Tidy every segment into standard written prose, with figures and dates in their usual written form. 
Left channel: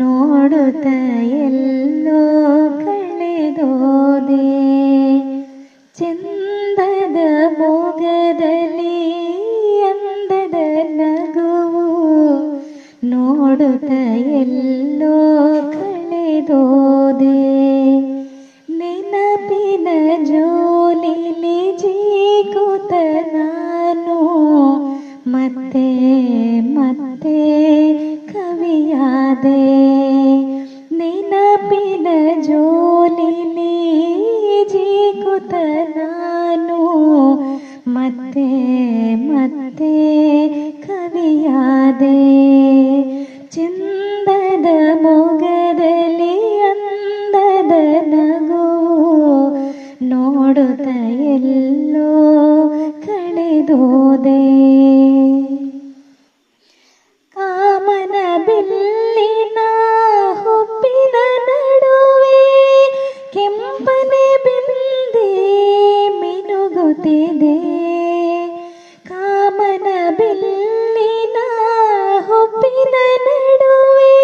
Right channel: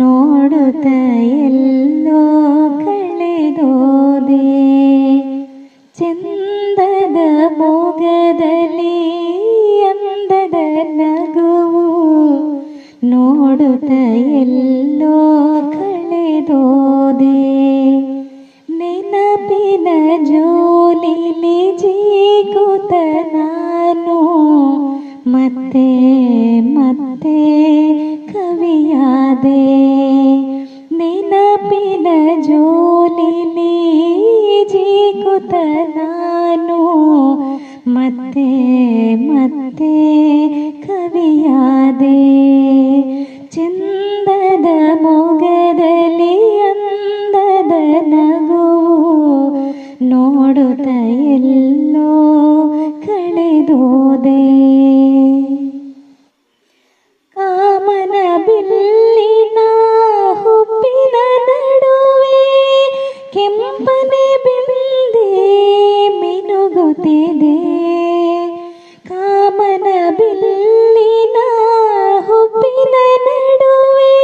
ನೋಡುತ್ತ ಎಲ್ಲೋ ಕಳೆದೋದೆ. ಚಂದದ ಮೊಗದಲ್ಲಿ ಅಂದದ ನಗುವು ನೋಡುತ್ತ ಎಲ್ಲೋ ಕಳೆದೋದೆ. ನೆನಪಿನ ಜೋಲಿಲಿ ಜೀಕುತ ನಾನು ಮತ್ತೆ ಮತ್ತೆ ಕವಿಯಾದೆ. ನೆನಪಿನ ಜೋಲಿಲಿ ಜೀಕುತ ನಾನು ಮತ್ತೆ ಮತ್ತೆ ಕವಿಯಾದೆ. ಚಂದದ ಮೊಗದಲ್ಲಿ ಅಂದದ ನಗುವು ನೋಡುತ್ತ ಎಲ್ಲೋ ಕಳೆದೋದೆ. ಕಾಮನ ಬಿಲ್ಲಿನ ಹುಬ್ಬಿನ ನಡುವೆ ಕೆಂಪನೆ ಬಿಂದೆ ಮಿನುಗುತ್ತಿದೆ. ಕಾಮನ ಬಿಲ್ಲಿನ ಹುಬ್ಬಿನ ನಡುವೆ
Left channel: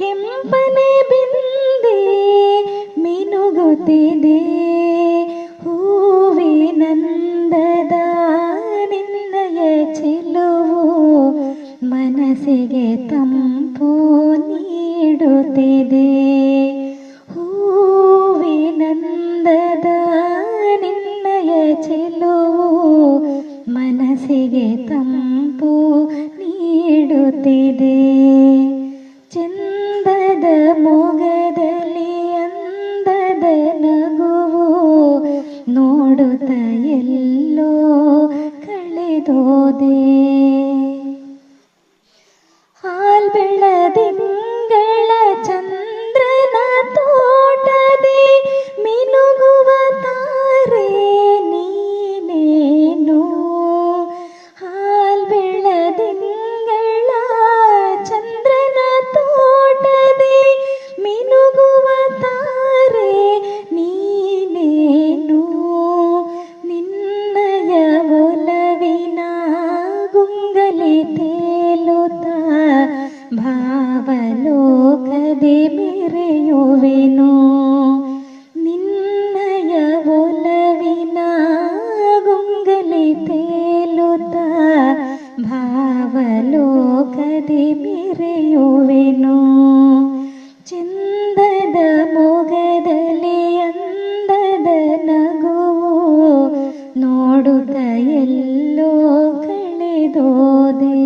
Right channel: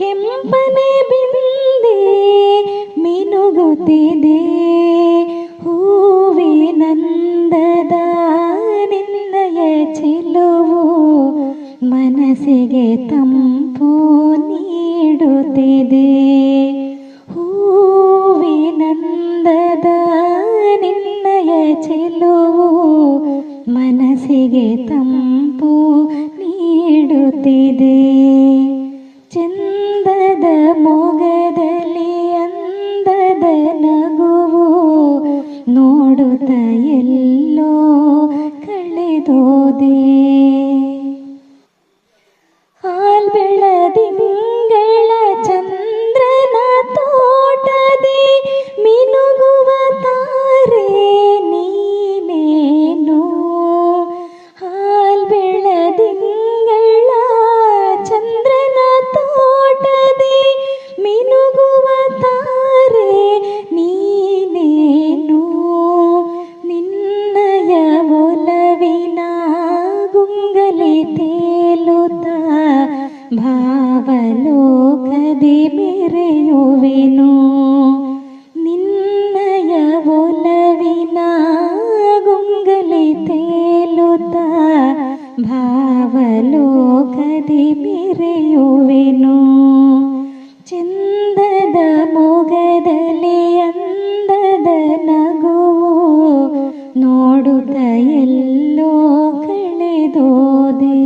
ಕೆಂಪನೆ ಬಿಂದೆ ಮಿನುಗುತ್ತಿದೆ. ಹೂವಿನಂದದ ನಿನ್ನಯ ಚೆಲುವು ಮನಸ್ಸಿಗೆ ತಂಪು ನೀಡುತ್ತಿದೆ. ಹೂವಿನಂದದ ನಿನ್ನಯ ಚೆಲುವು ಮನಸ್ಸಿಗೆ ತಂಪು ನೀಡುತ್ತಿದೆ. ಚಂದದ ಮೊಗದಲ್ಲಿ ಅಂದದ ನಗುವು ನೋಡುತ್ತ ಎಲ್ಲೋ ಕಳೆದೋದೆ. ಹಾಲ್ಬೆಳದಿಂಗಳ ಚಂದ್ರನ ತೋಟದೆ ಮಿನುಗುವ ತಾರೆ ನೀನೇನು. ಹಾಲ್ಬೆಳದಿಂಗಳ ಚಂದ್ರನ ತೋಟದೆ ಮಿನುಗುವ ತಾರೆ ನೀನೇನು. ನಿನ್ನಯ ಒಲವಿನ ಗುಂಗಲಿ ತೇಲುತ್ತ ಭಾವಲೋಕದಿ ಮೆರೆಯುವೆನು. ನಿನ್ನಯ ಒಲವಿನ ಗುಂಗಲಿ ತೇಲುತ್ತ ಭಾವಲೋಕದಿ ಮೆರೆಯುವೆನು. ಚಂದದ ಮೊಗದಲ್ಲಿ ಅಂದದ ನಗುವು ನೋಡುತ್ತ ಎಲ್ಲೋ ಕಳೆದೋದೆ.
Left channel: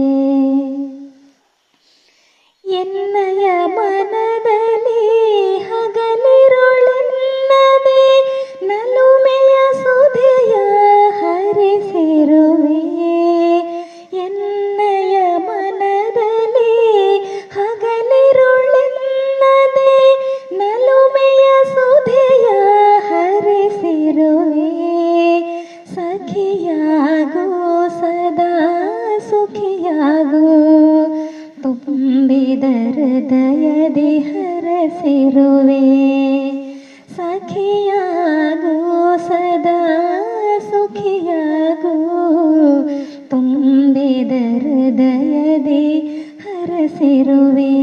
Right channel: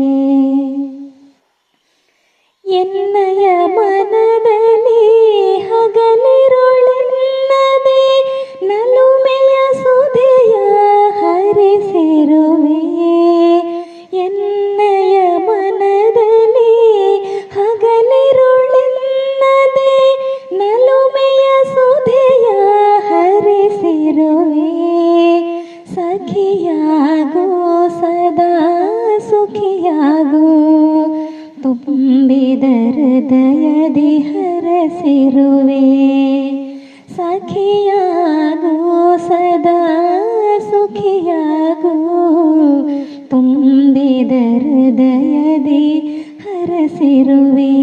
ಎನ್ನಯ ಮನದಲ್ಲಿ ಹಗಲಿರುಳೆನ್ನದೆ ನಲುಮೆಯ ಸುಧೆಯ ಹರಿಸಿರುವೆ. ಎನ್ನಯ ಮನದಲ್ಲಿ ಹಗಲಿರುಳೆನ್ನದೆ ನಲುಮೆಯ ಸುಧೆಯ ಹರಿಸಿರುವೆ. ಸಖಿಯಾಗೋ ಸದಾ ಸುಖಿಯಾಗೋ ತುಂಬಿದ ಹೃದಯದಿ ಹರಸಿರುವೆ. ಸಖಿಯಾಗೋ ಸದಾ ಸುಖಿಯಾಗೋ ತುಂಬಿದ ಹೃದಯದಿ ಹರಸಿರುವೆ.